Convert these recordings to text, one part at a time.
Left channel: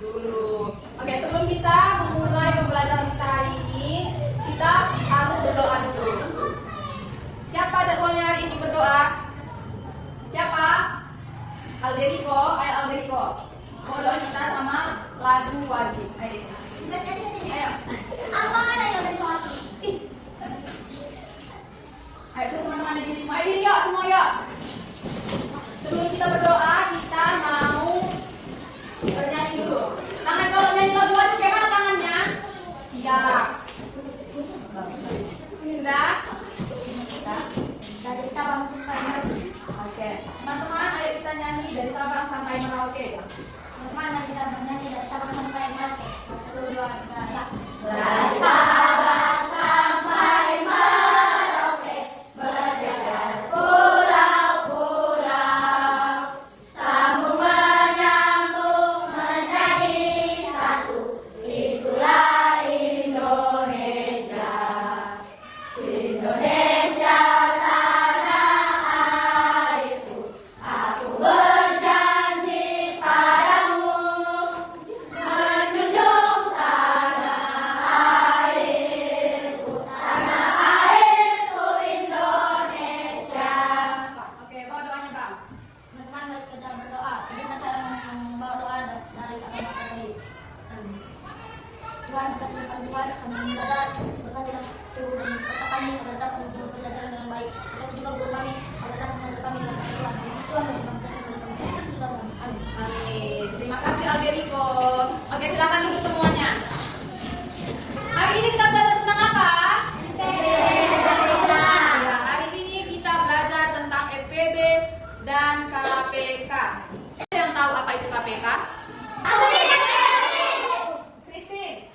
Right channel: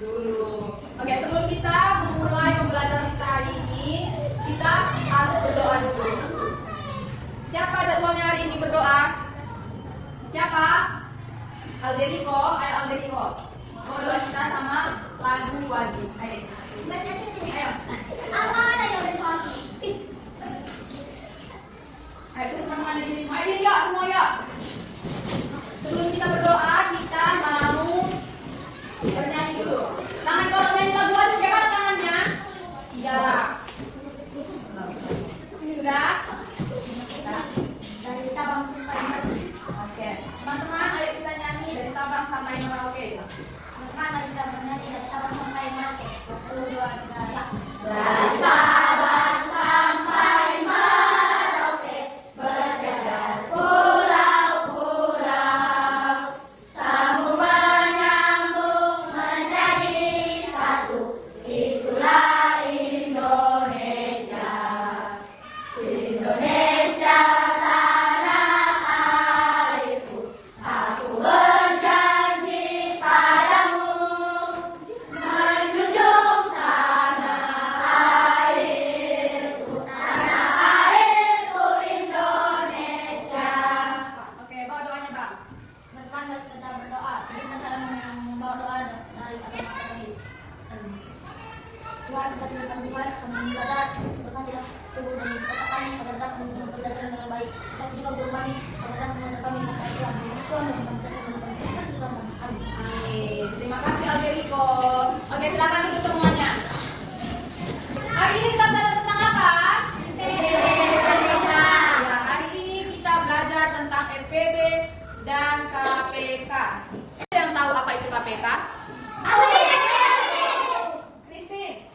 dulu. Oke, sebelum kita memulai pembelajaran kita hari ini, kita harus berdoa dulu. Siapa jadwalnya hari ini berdoa? Siapa? Alderiko, ayo Alderiko. Mau doa kita sama lagu wajib. Ayo. Ayo. Apa yang berdoa? Ayo semua ada di rumah. Ayo yuk, semua yuk. Sebelum kita berdoa, kita mau bernyanyi dulu. Tangan kalau nyanyi lagu wajib, kayak mana tangannya? Siap. Sudah? Dari Sabang sampai Merauke. Oke. Teman-teman, ayo kita nyanyi dari Sabang sampai Merauke. Teman-teman, kita bernyanyi dari Sabang sampai Merauke. Sebelum doa kita ya. Dari Sabang sampai Merauke, berjajar pulau-pulau, sambung menyambung menjadi satu, itulah Indonesia. Indonesia tanah airku, aku berjanji padamu, menjunjung tanah airku Indonesia. Oke, bawa doanya Bang. Teman-teman, kita berdoa. Kita cara membawa doa dari agama Katolik. Tuhan, kita Tuhan, kami belajar berkatilah tubuh dan otak kami agar dapat memenuhi pelajaran dengan baik. Kita juga guru kami agar dapat mengajar kami sampai Tuhan dan Tuhan Amin. Amin. Terima kasih Alderiko. Oke, silakan duduk semuanya. Hari ini kita belajar tentang apa? Ya, hari ini kita belajar tentang FPB dan KPK. Ada yang tahu apa itu KPK? Christine,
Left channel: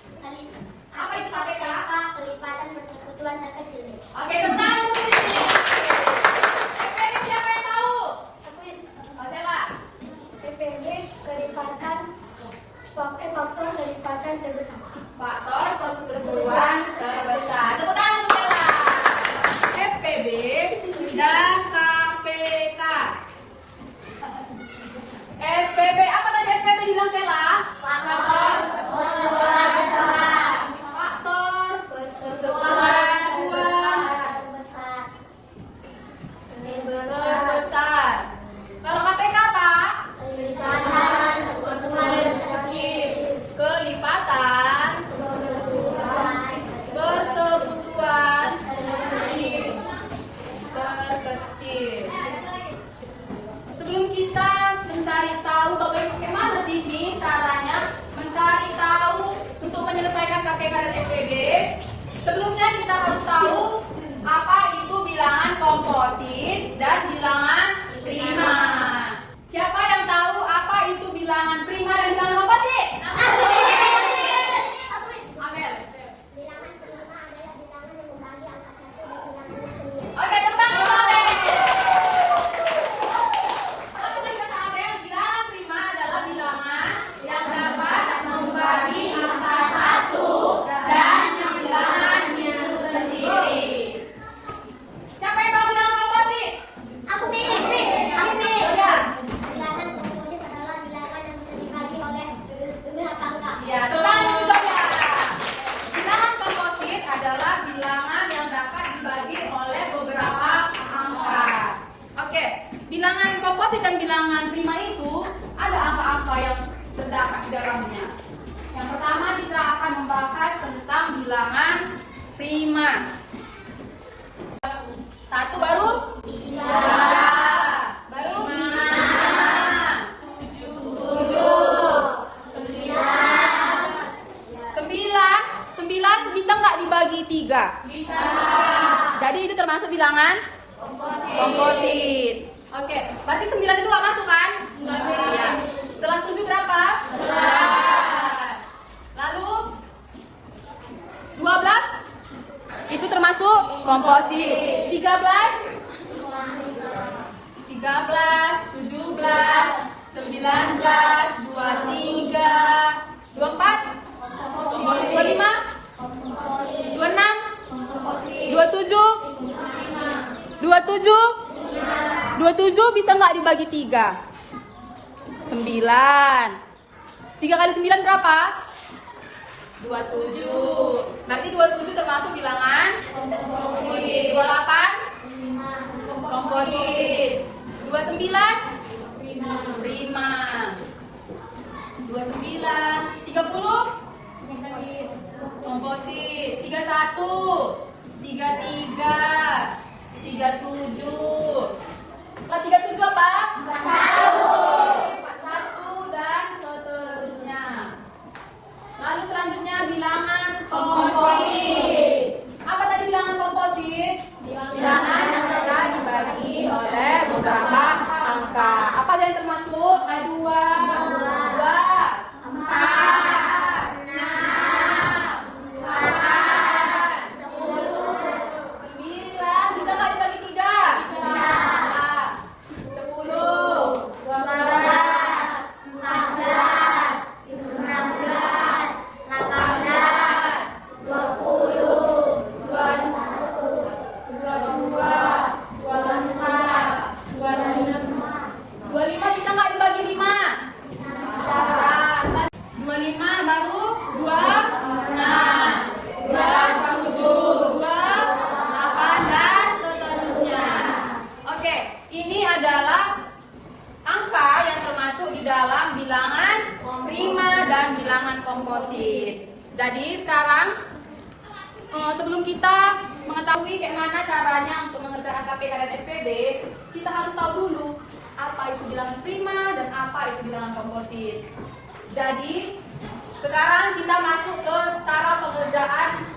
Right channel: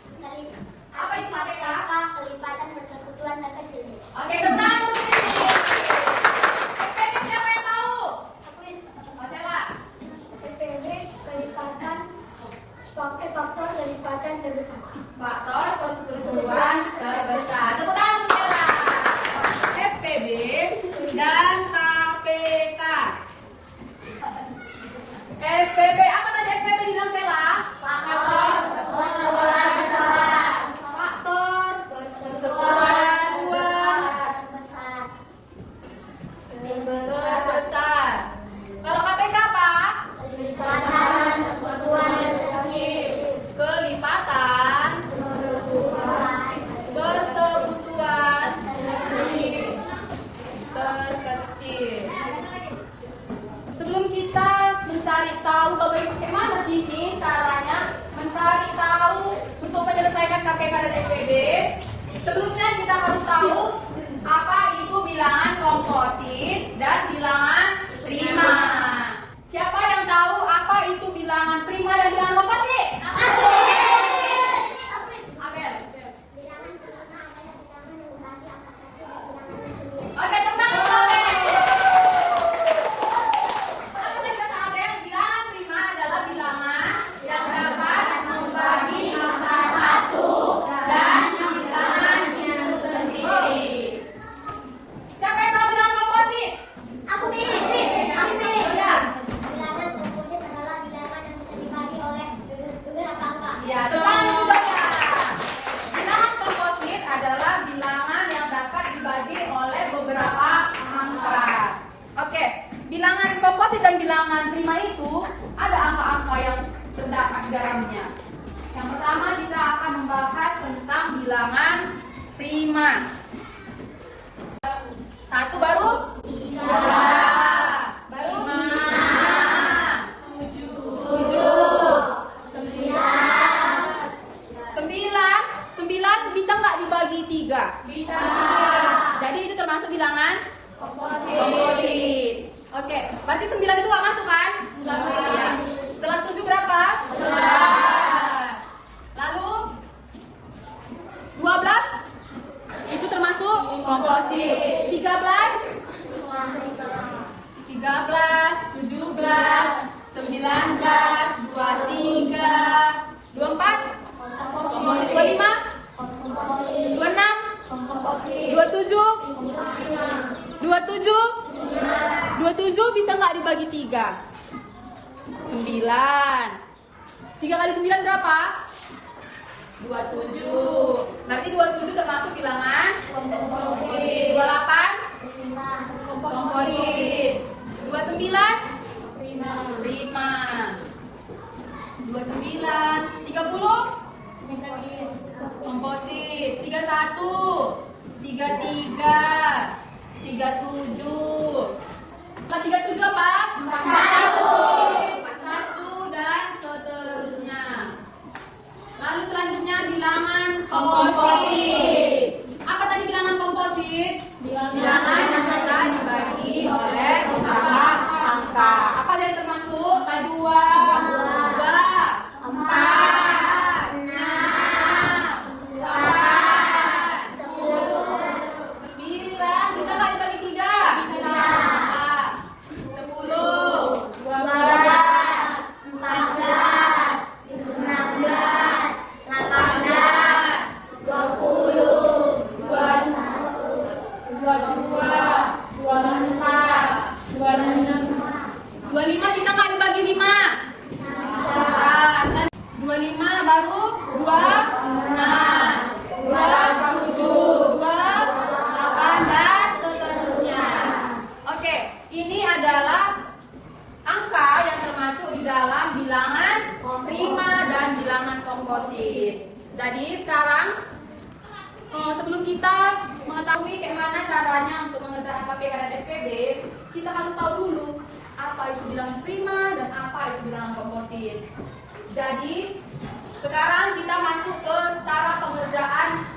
apa itu KPK? Kelipatan persekutuan dan jenis. Oke, tentang itu Christine. FPB siapa yang tahu? Oh, siapa? PPB kelipatan faktor kelipatan terbesar. Faktor persekutuan terbesar. Tepuk tangan untuk Bella. FPB dan KPK. FPB, apa tadi FPB bilang Stella? Faktor persekutuan terbesar. Kalau KPK apa? Kelipatan persekutuan terkecil. Sebelum kita mencari tahu bagaimana sih nih caranya mencari tahu untuk menyelesaikan KPK dan FPB, sebelumnya kita harus tahu apa itu bilangan komposit dan bilangan prima. Siapa yang tahu apa itu bilangan prima dan bilangan komposit? Abel. Oke, teman-teman. Apa tadi kata Abel? Bilangan prima adalah bilangan yang dapat membagi angka satu dan bilangan itu sendiri. Siapa yang tahu bilangan komposit? Aku pilih. Ya. Bilangan komposit adalah bilangan yang bisa dibagi oleh beberapa angka. Ya, teman juga ya. Bilangan komposit adalah bilangan yang dapat dibagi oleh beberapa angka. Oke, bilangan komposit dan bilangan prima itu ada angka-angka yang terdapat di dalamnya. Yang pertama kita akan membahas tentang bilangan prima. Satu baru? Tiga. Baru? Lima. Tujuh. Sembilan bisa nggak dibagi tiga? Bisa. Jadi itu termasuk bilangan komposit. Oke, berarti 9 itu nggak masuk kan? Iya. Setelah 7 berapa? 11. Lalu 12 itu termasuk komposit. 13, 17, 19, 23, 24, komposit. 25, 26, 27 bisa nggak dibagi 3? 9. 3 kali 9 berapa? 27. Berarti 27 termasuk bilangan komposit. 28 komposit. 29 prima. 29 30 komposit. 31 33 37. 37 apa? 41 dan seterusnya. Lalu selanjutnya bilangan komposit. Apa tadi bilangan komposit? Bilangan yang ada dibagi oleh beberapa angka. Apa yang termasuk? 2, 4, 6, 8, 10, 9. Bisa nggak dibagi 3? Bisa. 10, 12, 14, 16, 18, 20, 21, 22, 24, 25 bisa nggak dibagi 5? Bisa. 25 baru 26, 27, 28 dan seterusnya. Oke, ini adalah angka yang termasuk di dalam bilangan prima dan bilangan komposit. Jadi sekarang sebelum kita mengetahui bagaimana caranya untuk mengerjakan KPK dan FPB, kita harus tahu dulu apa itu bilangan prima dan apa itu bilangan komposit. Jadi sekarang kita masuk ke cara pengerjaan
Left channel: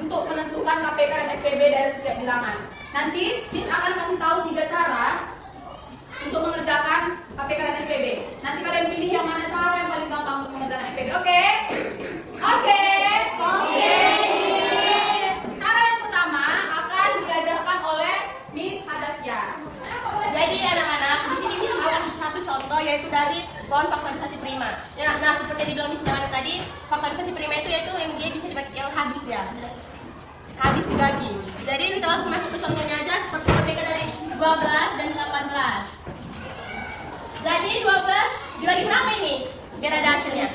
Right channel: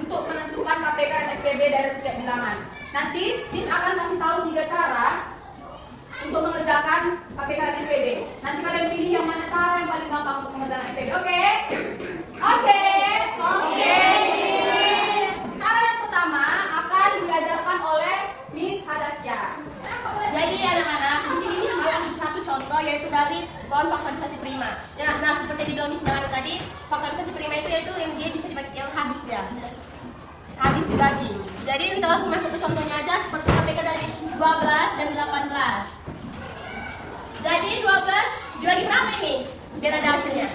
untuk menentukan KPK dan FPB dari setiap bilangan. Nanti Miss akan kasih tahu 3 cara untuk mengerjakan KPK dan FPB. Nanti kalian pilih yang mana cara yang paling gampang untuk mengerjakan FPB. Oke? Oke. Cara yang pertama akan diajarkan oleh Miss Hadasya. Jadi anak-anak, di sini Miss mau kasih satu contoh yaitu dari pohon faktorisasi prima. Nah, seperti yang dibilang Miss Melana tadi, faktorisasi prima itu yaitu yang dia bisa dibagi, yang habis habis dibagi. Jadi kita langsung masuk ke contohnya aja, seperti KPK dari 12 dan 18. Jadi 12 dibagi berapa ini? Biar ada hasilnya.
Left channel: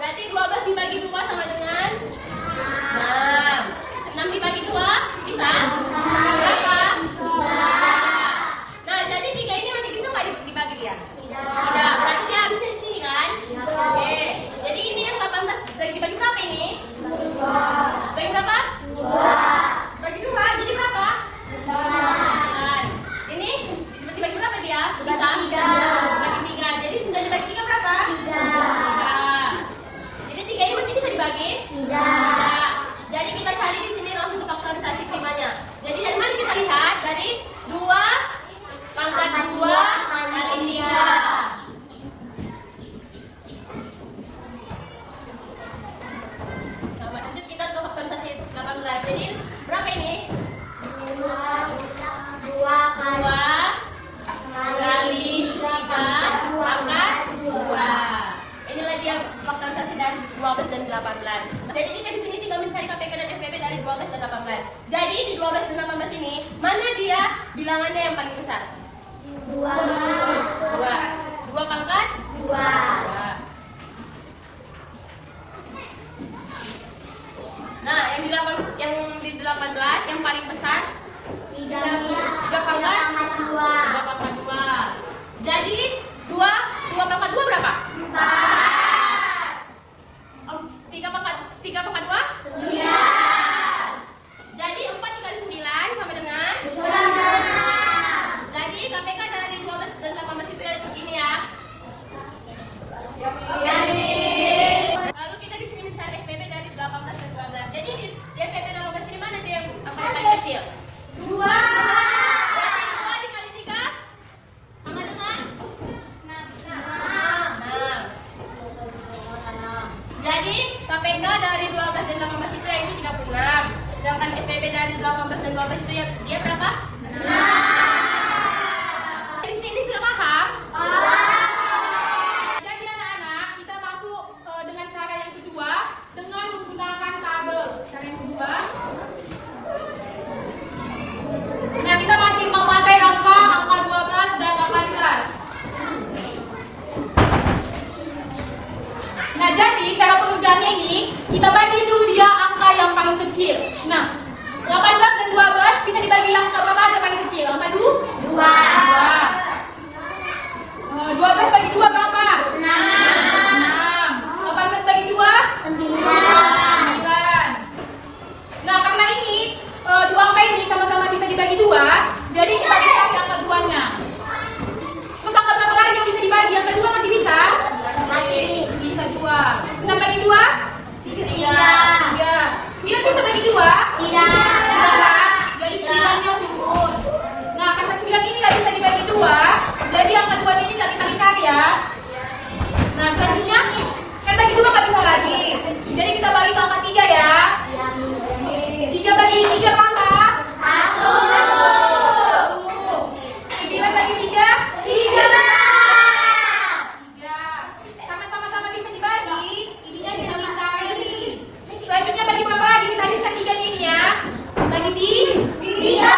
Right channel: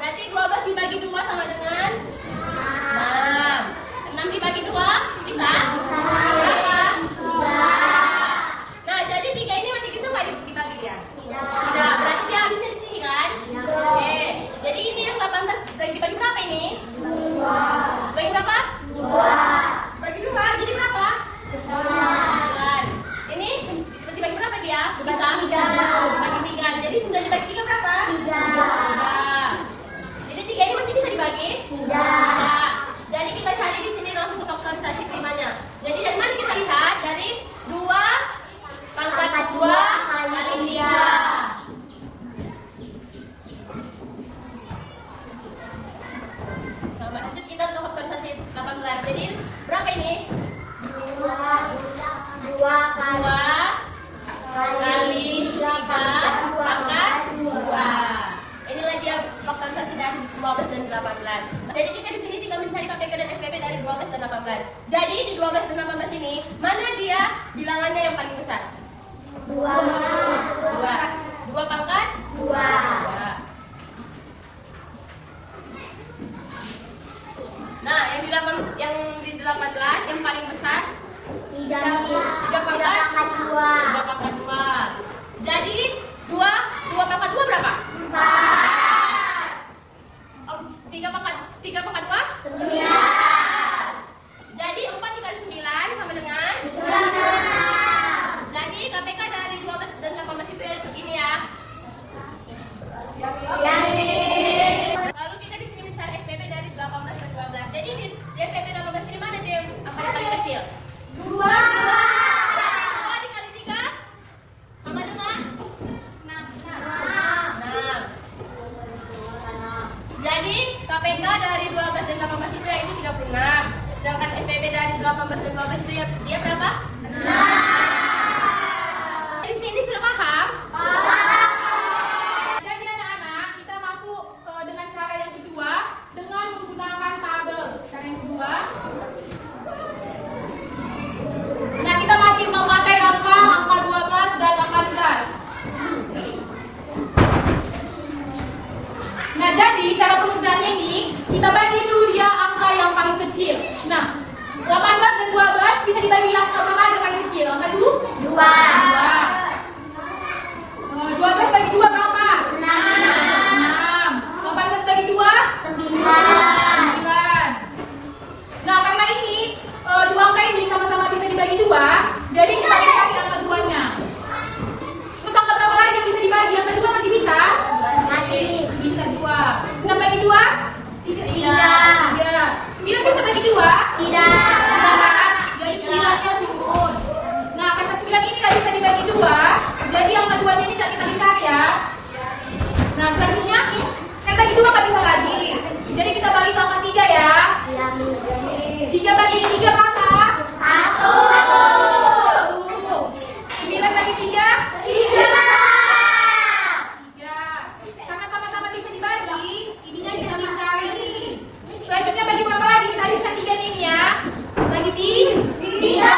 Berarti 12 dibagi 2 sama dengan 6. 6 dibagi 2 bisa? Berapa? Nah, jadi 3 ini masih bisa nggak dibagi dia? Tidak. Berarti dia habisnya di sini kan? Oke. Jadi ini yang 18 dibagi berapa ini? Bagi berapa? 2. Bagi 2, jadi berapa? 9. Ini dibagi berapa dia? Bisa? Dibagi 3. Jadi 9 dibagi 3 berapa? 3. Jadi 3 ini masih bisa dibagi? Tidak. Jadi kita cari di sini langsung ke faktorisasi primanya. Jadi dari mana kita lihat? Dari 2 pangkat 2 kali 3. Nah, lanjut kita ke faktorisasi 18. Jadi berapa ini? 2 kali 3 pangkat 2. Inilah dia faktorisasi dari 12 dan 18. Jadi kita di sini tinggal mencari KPK dan FPB dari 12 dan 18. Jadi di 12 dan 18 ini mana dia bilangannya yang paling besar? 2 pangkat 2. Nah, yang di 18 yang paling besar 3 pangkat 2. Jadi 2 pangkat 2 berapa? 4. Oh, 3 pangkat 2? 9. Jadi 4 dikali 9 sama dengan 16. Jadi KPK dari 12 dan 18 itu ini ya. Lalu kita di sini mencari FPB dari 18 dan 12. Jadi di FPB 18 ini mana dia yang paling kecil? 2. Jadi 2 dikali 3 sama dengan 6. Jadi KPK dari 12 dan 18 itu yaitu 36. Sedangkan FPB dari 18 dan 12 itu ya dia berapa? 6. Di sini sudah paham? Jadi anak-anak, kita masuk dengan cara yang kedua dengan menggunakan tabel. Cara yang kedua. Nah, kita masih memakai angka 12 dan 18. Jadi cara pengerjaannya ini kita bagi dulu dia angka yang paling kecil. Nah, 18 dan 12 bisa dibagi yang berapa aja paling kecil? Angka 2. 12 bagi 2 berapa? 6. 18 bagi 2? 9. Nah, karena ini dua angka ini sama-sama bisa dibagi 2, jadi kita dikali angka 2-nya. Terus angka berapa lagi yang bisa dibagi? Angka 2 masih bisa? Masih bisa 2. 6 bagi 2? 3. 9 bisa bagi 2? Tidak. Jadi 9-nya turun. Nah, karena 9 ini nggak bisa dibagi 2, jadi angka 2-nya ini nggak kita lingkari ya. Nah, selanjutnya kan bagi 2 nggak bisa lagi. Jadi kita bagi ke angka 3 ya. 3 bagi 3 berapa? 1. 9 bagi 3? 3. Karena sama-sama bisa dibagi, ininya kita lingkari. Selanjutnya bagi berapa lagi? Kita bisa 3 ini ya. Bagi 3.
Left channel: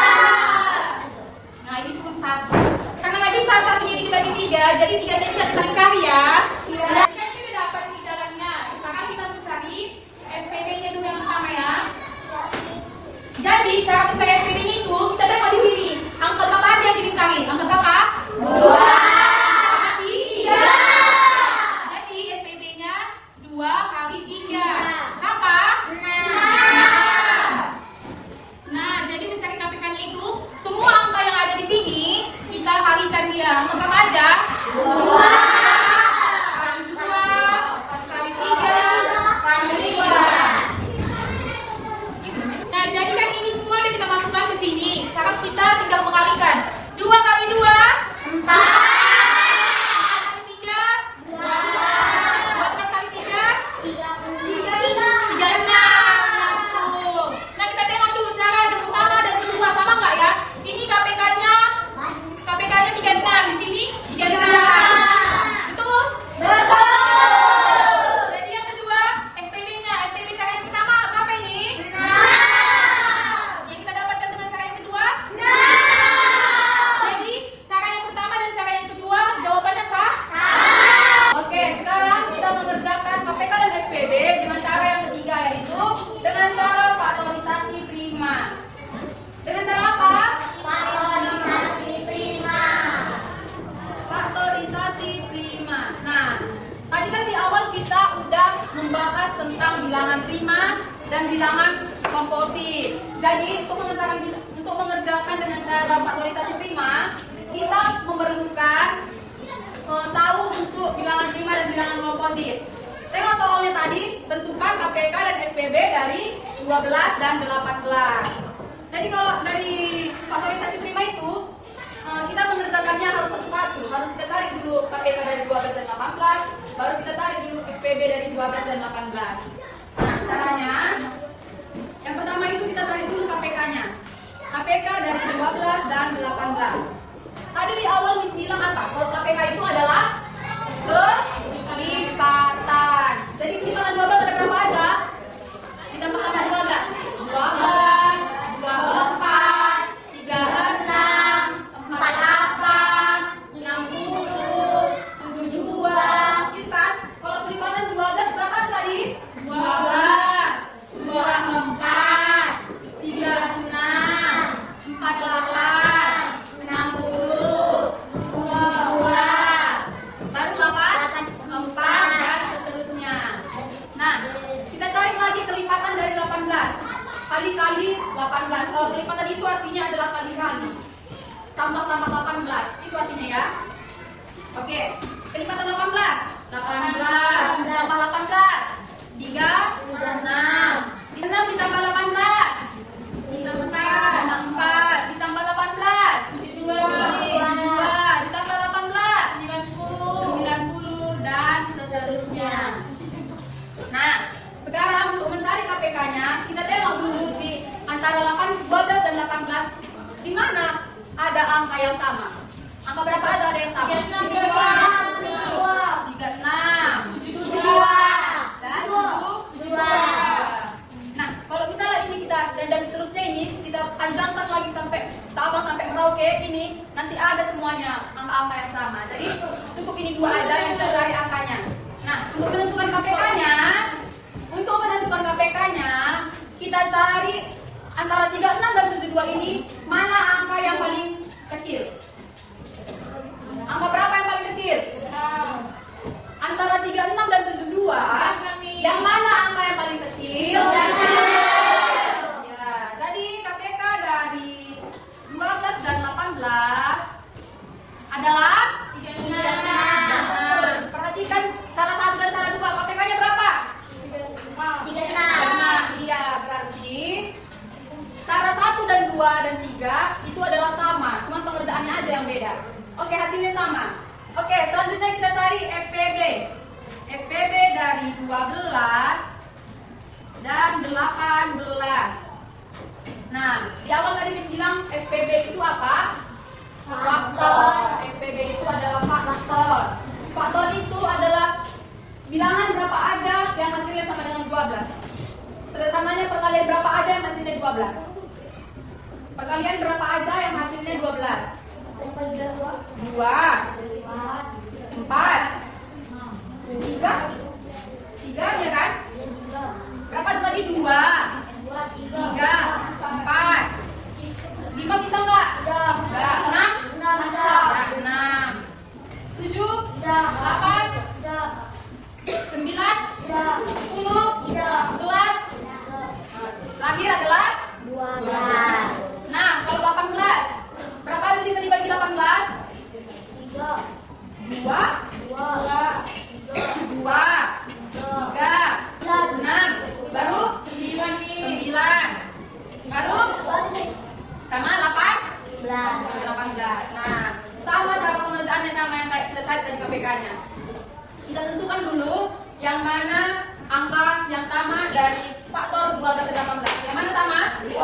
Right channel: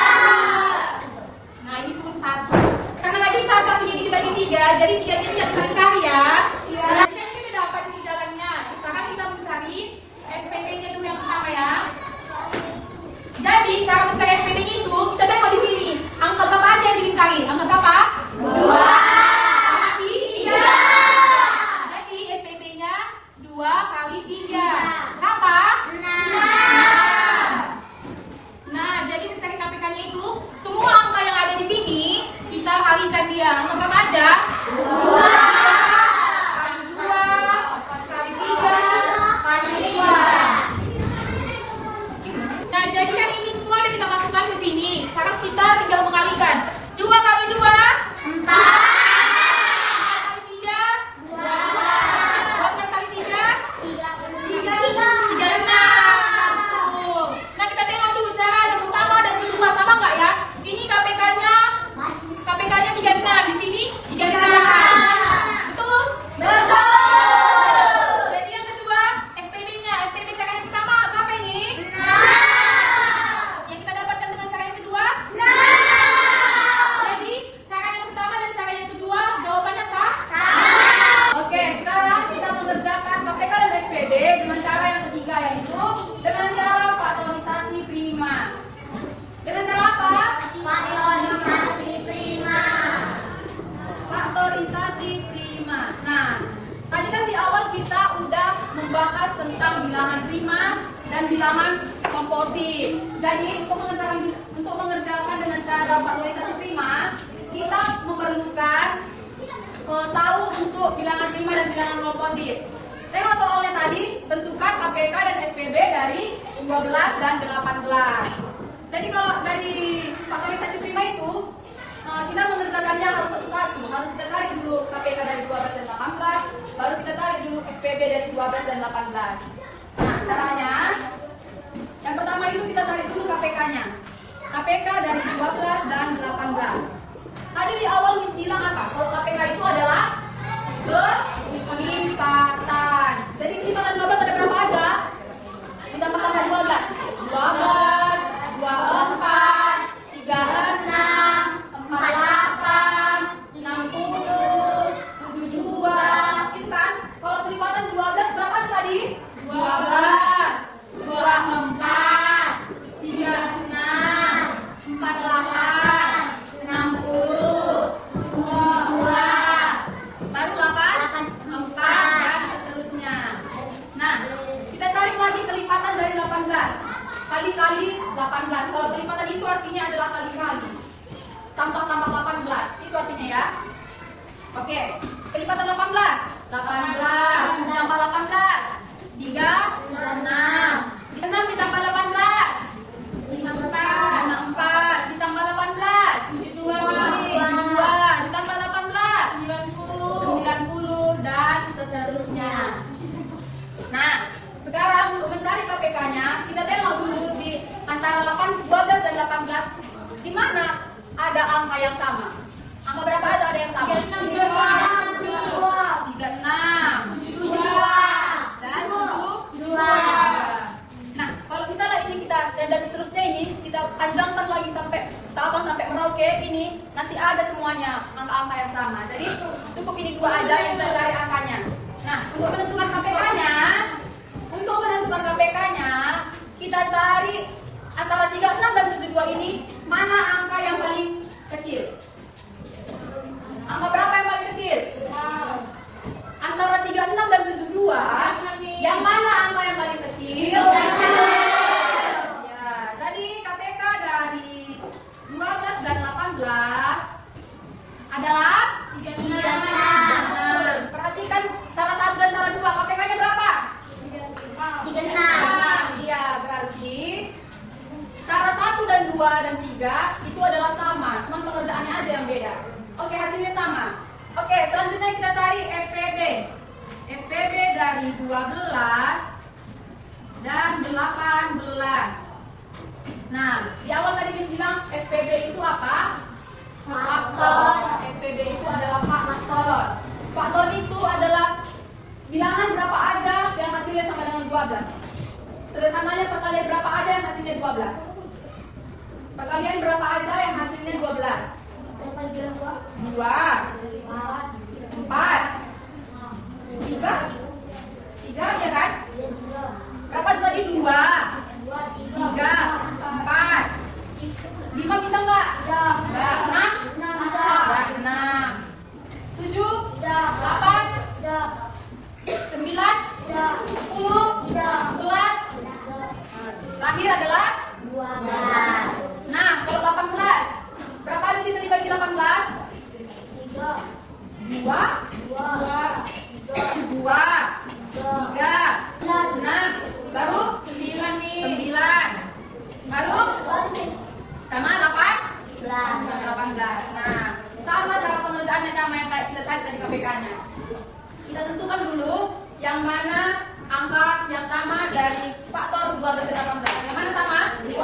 Nah, ini turun 1. Karena lagi salah satunya ini dibagi 3, jadi 3-nya ini nggak kita lingkari ya. Jadi kan kita dapat di jalannya. Sekarang kita mencari FPB-nya dulu yang pertama ya. Jadi cara mencari FPB-nya itu kita tengok di sini. Angka berapa aja yang dilingkari? Angka berapa? 2. Sama 3. Jadi FPB-nya 2 kali 3. Berapa? 6. Nah, jadi mencari KPK-nya itu semua angka yang ada di sini kita kalikan dia. Angka berapa aja? 2 kali 2 kali 3 kali 3. Nah, jadi kan ini semua udah kita masukkan ke sini. Sekarang kita tinggal mengalikan. 2 kali 2? 4. 4 kali 3? 12 kali 3? 36. Nah, kita tengok dulu cara yang pertama dan kedua sama nggak ya? Ini KPK-nya 36. Di sini 36. Betul? Jadi yang kedua FPB-nya. FPB cara yang pertama berapa ini? 6. Yang kita dapatkan dengan cara yang kedua? 6. Jadi cara yang pertama dan cara yang kedua jawabannya sah? Oke, sekarang kita mengerjakan KPK dan FPB dengan cara yang ketiga, yaitu dengan cara faktorisasi prima. Dengan cara apa? Faktorisasi prima. Nah, tadi kan di awal kita udah membahas tentang bilangan prima dan bilangan komposit. Jadi untuk mengerjakan dengan cara faktorisasi prima, kita memerlukan tahu untuk bilangan prima dan bilangan komposit. Tengok soalnya tadi, tentukan KPK dan FPB dari 12 dan 18. Jadi kalau dari faktorisasi prima itu kita mengerjakannya harus satu-satu. Harus kita cari dulu KPK dari 12 dan 18, baru kita cari dulu FPB dari 12 dan 18. Nah, caranya yang pertama itu kita cari dulu KPK-nya. KPK dari 12 dan 18. Tadi di awal Miss bilang apa? Kalau KPK itu adalah kelipatan. Jadi kelipatan 12 ada berapa aja? Ditambah 12. 12, 24, 36, 48, 60, 72. Gitu kan? Kalau kelipatan 12 berapa tadi? 12, 24, 36, 48, 60, 72. Baru 8, 4 dan seterusnya. Nah, kita cari lagi kelipatan dari 18. Kali-kali 18. Kalau kelipatan itu artinya adalah kali-kali. Tambah-tambah 18. Itu artinya ya. Oke. Kelipatan 18. 18. Ditambah 18. 36. 6 ditambah 18. 64. Ditambah 18. 72. Ditambah 18. 90. Dan seterusnya. Nah, sekarang untuk mencari KPK-nya, kita tengok dulu di antara 12 dan 18, di mana ada angka yang sama. Angka berapa ada yang sama? 36, 72, dan 72. Nah, kalau misalnya ini kita dan seterusnya ini kita panjangkan lagi sampai Sabang sampai Merauke, ini nanti ada semuanya angka-angka yang sama. Jadi cukup ini dua aja yang kita cari angkanya. Nah, untuk menentukan KPK-nya kita cari antara 36 dan 72 ini, mana angka yang paling kecil? Angka berapa yang paling kecil? Antara 36 dan 72, yang mana angka yang paling kecil? Ya, jadi KPK dari 12 dan 18 adalah 36. Perhatikan salah satu dan salah dua. KPK-nya berapa? 36. Iya, berarti cara 1 dan 2 dan 3 itu adalah sama, cuman pengerjaannya aja yang beda. Oke, hasilnya sama. Oke, selanjutnya kita cari FPB. FPB dari 12 dan 18. Nah, di awal tadi Miss bilang FPB itu apa? Faktor. FPB itu adalah faktor. Faktor itu adalah bilangan berapa aja yang hasilnya sama dengan 12. Sederhananya perkalian berapa aja yang hasilnya 12. Perkalian berapa aja yang hasilnya 12. 2, 4, 3, ya kan? Berapa tadi? 2, 3, 4, 5 bisa nggak? Nggak. 6, 7, 8, 9, 10, 11. Terakhir adalah 12. Nah, kalau 18, berapa kali bisa dibagi 18? 2, 3, 6, baru 9, baru sama 18. Nah, sama cara pengerjaannya sama yang kita cari tadi KPK-nya. Kita tentukan dulu yang mana angka yang sama dari faktor 12 dan 18. Yang mana sama? 2, 3,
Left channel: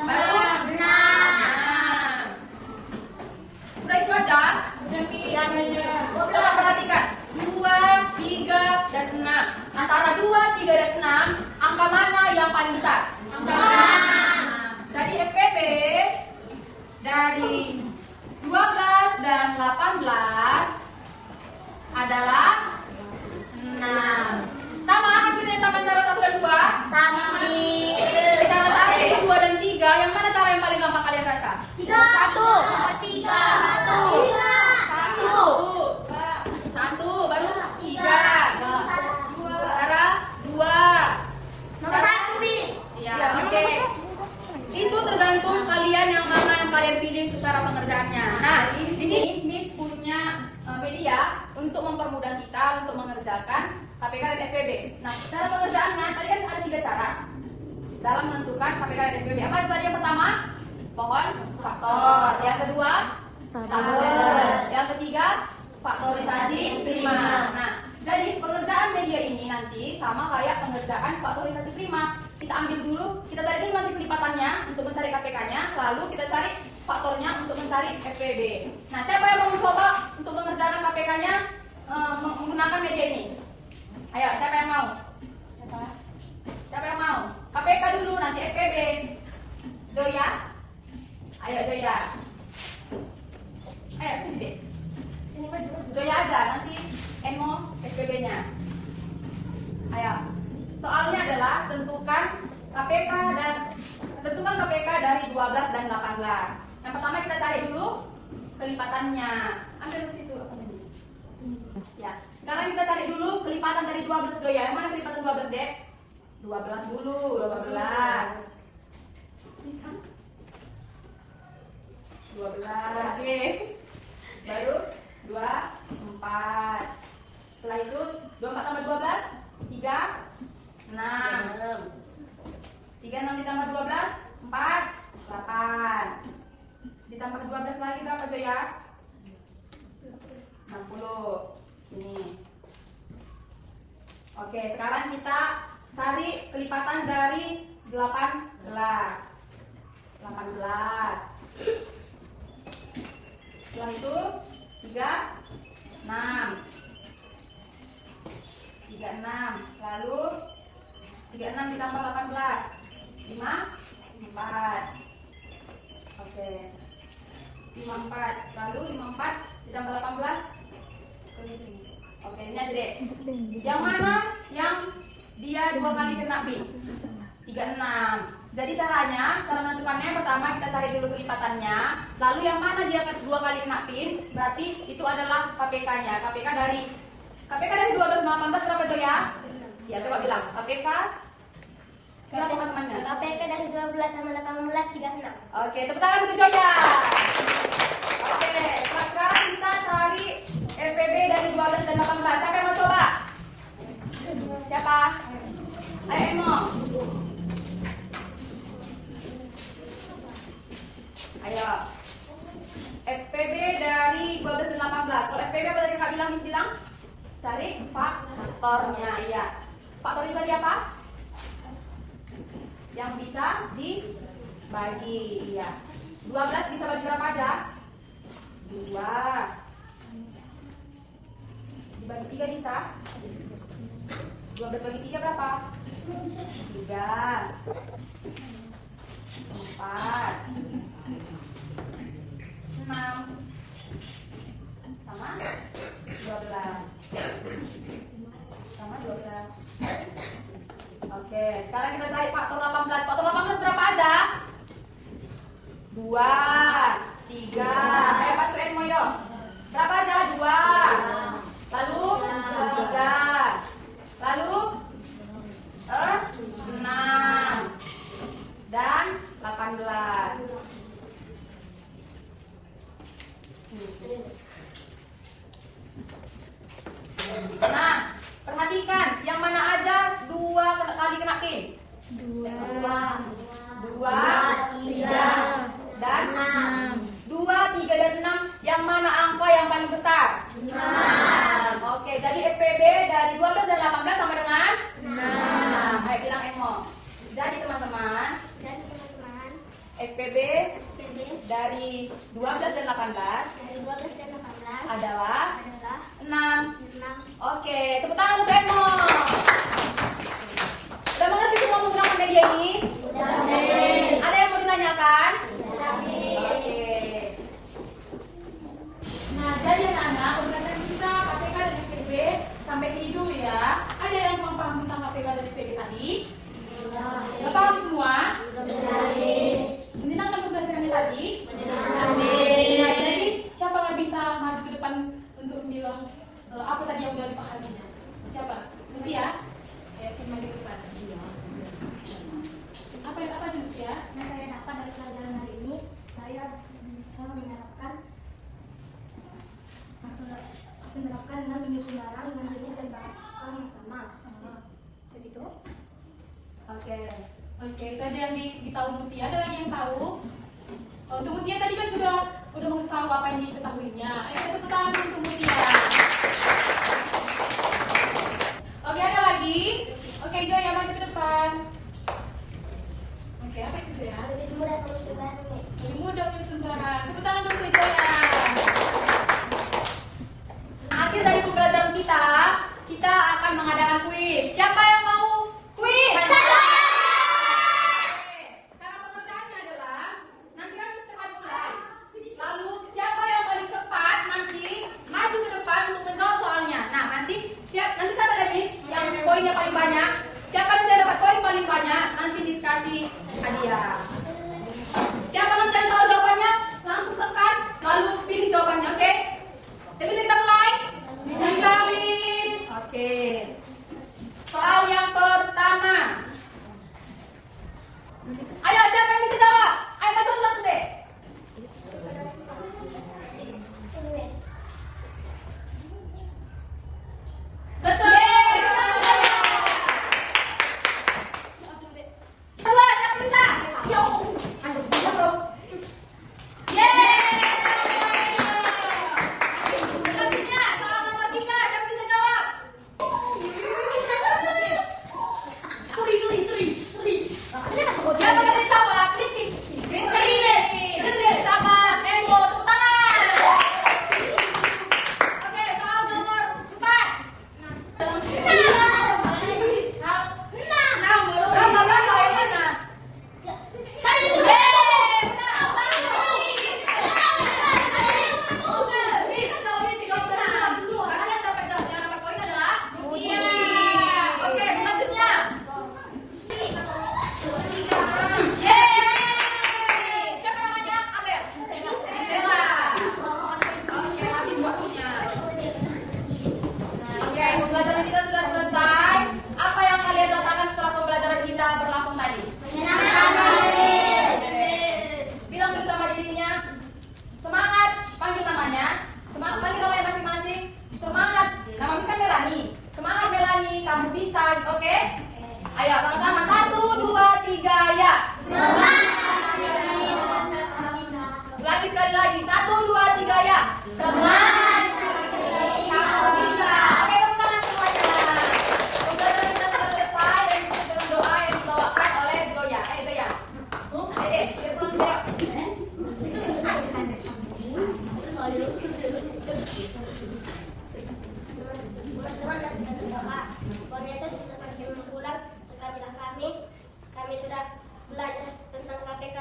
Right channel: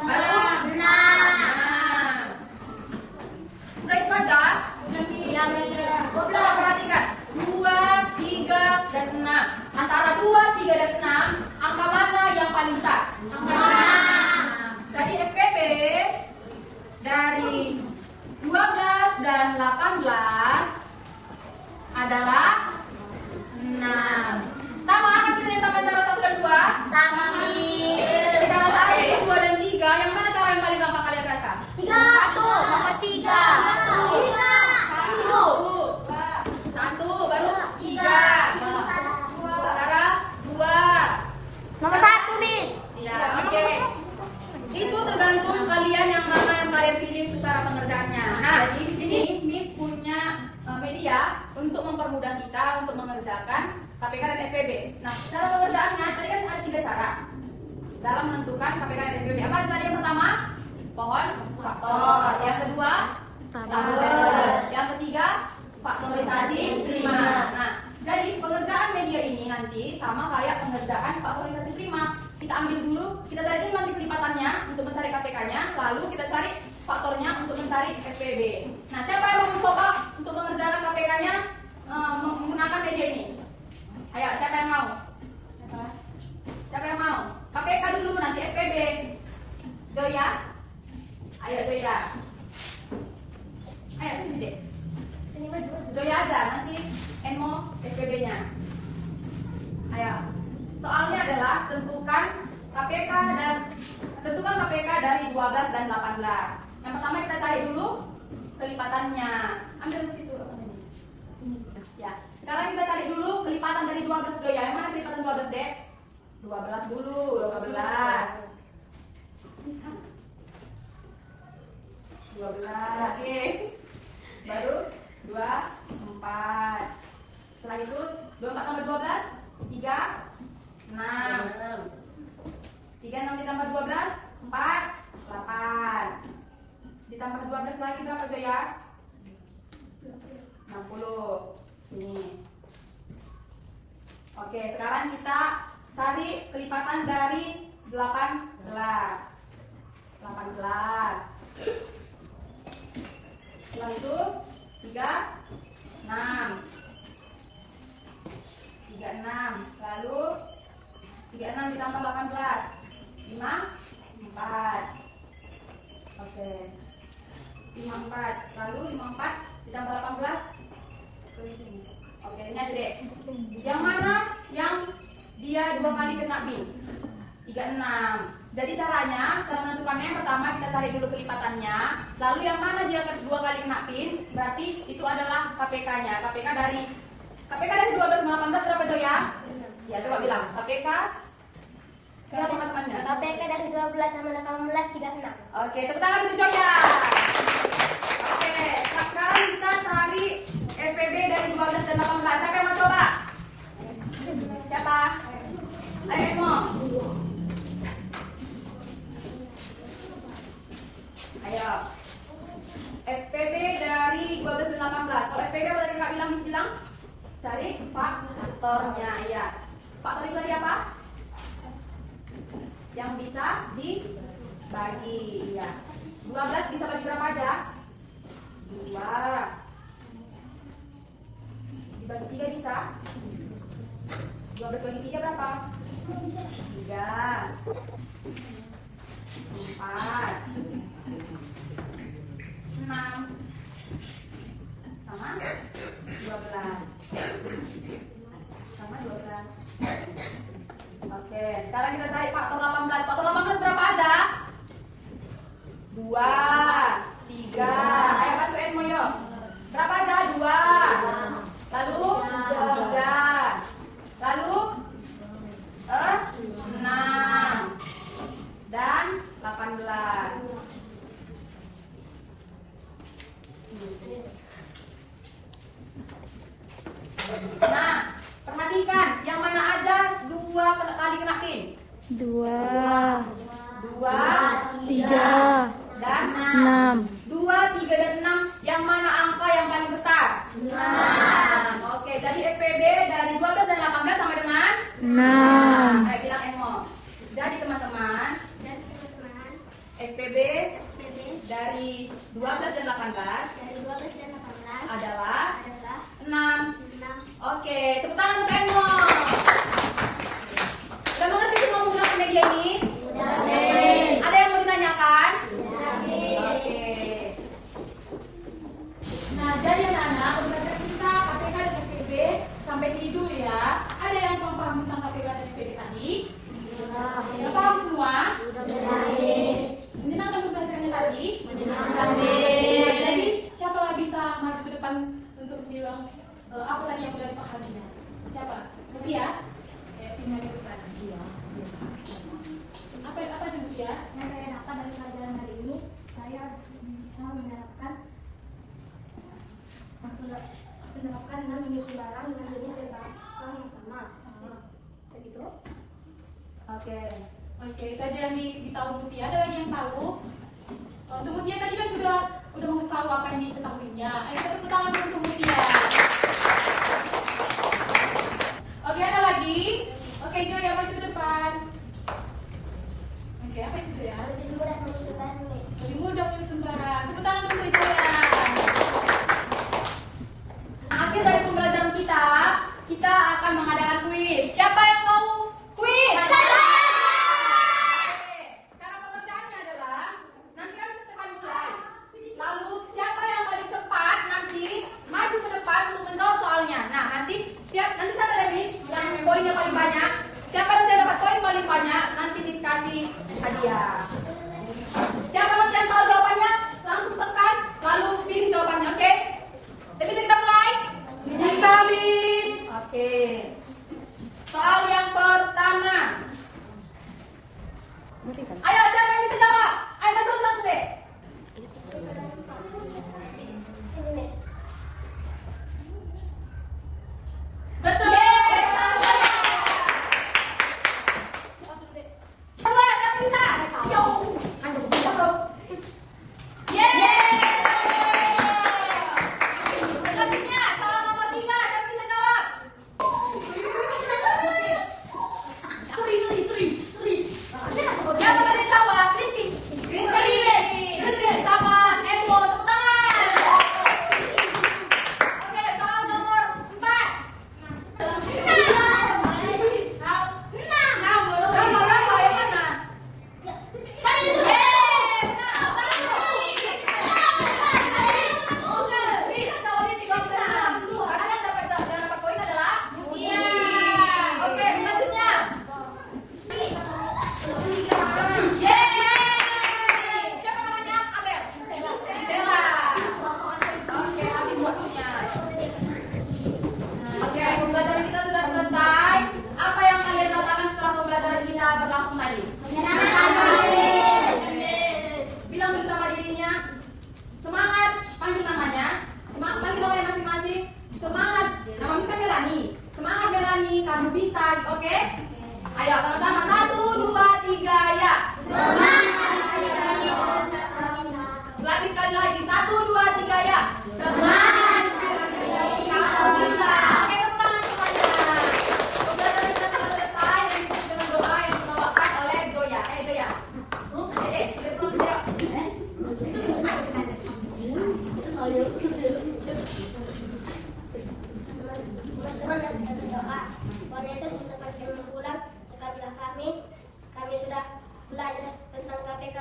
baru 6. Udah itu aja. Coba perhatikan 2, 3, dan 6. Antara 2, 3, dan 6, angka mana yang paling besar? Jadi FPB dari 12 dan 18 adalah 6. Sama hasilnya sama cara 1 dan 2? Sama nih. Cara 1, 2, dan 3, yang mana cara yang paling gampang kalian rasa? 1, 1, baru 3. Cara 2. Nomor 1, Miss. Ya, oke. Itu tergantung kalian yang mana yang kalian pilih untuk cara pengerjaannya. Nah, di sini Miss punya media untuk mempermudah kita untuk mengerjakan KPK dan FPB. Nah, cara pengerjaannya tadi kan ada 3 cara dalam menentukan KPK dan FPB. Apa tadi yang pertama? Pohon faktor. Yang kedua, tabel. Yang ketiga, faktorisasi prima. Nah, jadi pengerjaan media ini nanti sama kayak pengerjaan faktorisasi prima. Kita ambil dulu, kita cari dulu nanti pelipatannya untuk mencari KPK-nya, lalu kita cari faktornya untuk mencari FPB. Nah, siapa yang mau mencoba untuk mengerjakan KPK-nya menggunakan media ini? Ayo, siapa yang mau? Siapa yang mau? KPK dulu, nanti FPB. Joya? Ayo, Joya. Ayo, sini deh. Joya aja, nanti Enmo FPB-nya. Ayo. Soalnya adalah tentukan KPK dari 12 dan 18. Yang pertama kita cari dulu kelipatannya. Ambil di situ apa nih? Ya. Sekarang kita cari dulu kelipatan dari 12 Joya. Yang mana kelipatan 12, Dek? 12 dulu, 12. Bisa? 12. Oke. Baru 2, 4. Setelah itu 24 tambah 12, 3, 6. 3, 6 ditambah 12, 4, 8. Ditambah 12 lagi berapa Joya? 60. Sini. Oke, sekarang kita cari kelipatan dari 18. 18. Setelah itu 3, 6. 36. Lalu 36 ditambah 18, 5, 4. Oke. 54. Lalu 54 ditambah 18. Oke, ini aja deh. Yang mana dia 2 kali kena bin. 36. Jadi cara menentukannya yang pertama kita cari dulu kelipatannya. Lalu yang mana dia 2 kali kena pin, berarti itu adalah KPK-nya. KPK dari 12 sama 18 berapa Joya? Ya coba bilang. KPK berapa teman-temannya? KPK dari 12 sama 18 36. Oke, tepuk tangan untuk Joya. Oke, sekarang kita cari FPB dari 12 dan 18. Siapa yang mau coba? Siapa? Ayo Emo. Ayo. FPB dari 12 dan 18. Kalau FPB apa tadi Kak bilang, Miss bilang? Cari faktornya, iya. Faktor itu tadi apa? Yang bisa dibagi, iya. 12 bisa bagi berapa aja? 2. Dibagi 3 bisa? 12 bagi 3 berapa? 3. 4. 6 sama 12 sama 12. Oke, sekarang kita cari faktor 18. Faktor 18 berapa aja? 2, 3. Ayo bantu Enmo yuk. Berapa aja? 2. Lalu 3. Lalu 6 dan 18. Nah, perhatikan yang mana aja 2 kali kena pin. 2, 2, 3, dan 6. 2, 3, dan 6. Yang mana angka yang paling besar? 6. Oke, jadi FPB dari 12 dan 18 sama dengan 6. Ayo bilang Emo. Jadi teman-teman, FPB dari 12 dan 18 Dari 12 dan 18 adalah adalah 6. 6. Oke, tepuk tangan untuk Emo. Udah mengerti semua menggunakan media ini? Ada yang mau ditanyakan? Oke. Nah, jadi anak-anak, pembelajaran kita KPK dan FPB sampai sini dulu ya. Ada yang belum paham tentang KPK dan FPB tadi? Udah paham semua? Menyenangkan pembelajarannya tadi? Nah, jadi siapa nggak bisa maju ke depan untuk bilang apa tadi yang udah dipahaminya? Siapa? Mutia ya? Ya, sini maju ke depan. Apa aja Mutia? Yang saya dapat dari pelajaran hari ini, saya bisa menerapkan 6 unit barang dengan jenis dan barang yang sama. Segitu? Oke. Tadi yang ditahu Mutia, ada lagi yang tahu? Untuk Mutia tadi kan sudah mengetahui apa yang diketahuinya. Ayo kita tepuk tangan dulu untuk Mutia. Oke, ada lagi? Oke, Joya maju ke depan. Oke, apa itu Joya? Lebih mudah menulis dan menulis. Lebih mudah menyusun barang. Tepuk tangan dulu untuk Joya. Akhir dari pembelajaran kita akan mengadakan kuis. Siapa yang mau kuis? Saya! Cara pengerjaannya adalah nanti kan kita akan mulai. Lalu siapa yang paling cepat nanti maju ke depan untuk menjawab soalnya. Nah, nanti saya ada Miss yang poinnya paling banyak. Siapa nanti yang dapat poin paling banyak, nanti Miss kasih hadiah. Siapa nanti yang tahu jawabannya, langsung tekan, lalu pilih jawabannya, oke? Jadi bisa kita mulai? Bisa, Miss. Oke. Soal yang pertama. Ayo, siapa yang bisa jawab? Ayo, maju dulu langsung deh. Betul. Kedua, siapa bisa? Yo. Yeay. Pembelajaran kita sudah selesai. Apa yang kalian rasakan setelah pembelajaran kita berlangsung tadi? Bilang bersama dirinya, semangat, panggil namanya. Semangat, panggil namanya masing-masing. Semangat, nama misalnya Melani. Semangat Melani, kamu bisa, oke? Ayo sama-sama, 1, 2, 3, ya. Lagi sekali lagi, 1, 2, 3, ya. Semangat, kamu bisa. Oke, tepuk tangan semuanya. Pembelajaran kita sudah selesai dan kita dengan doa yang dibawakan oleh Zoya. Zoya. Dede, pulang jawab. Teman-teman dan kita berdoa. Tuhan Yesus mengucapkan firman bulan, berkatilah kami. Kami sudah belajar tentang KPK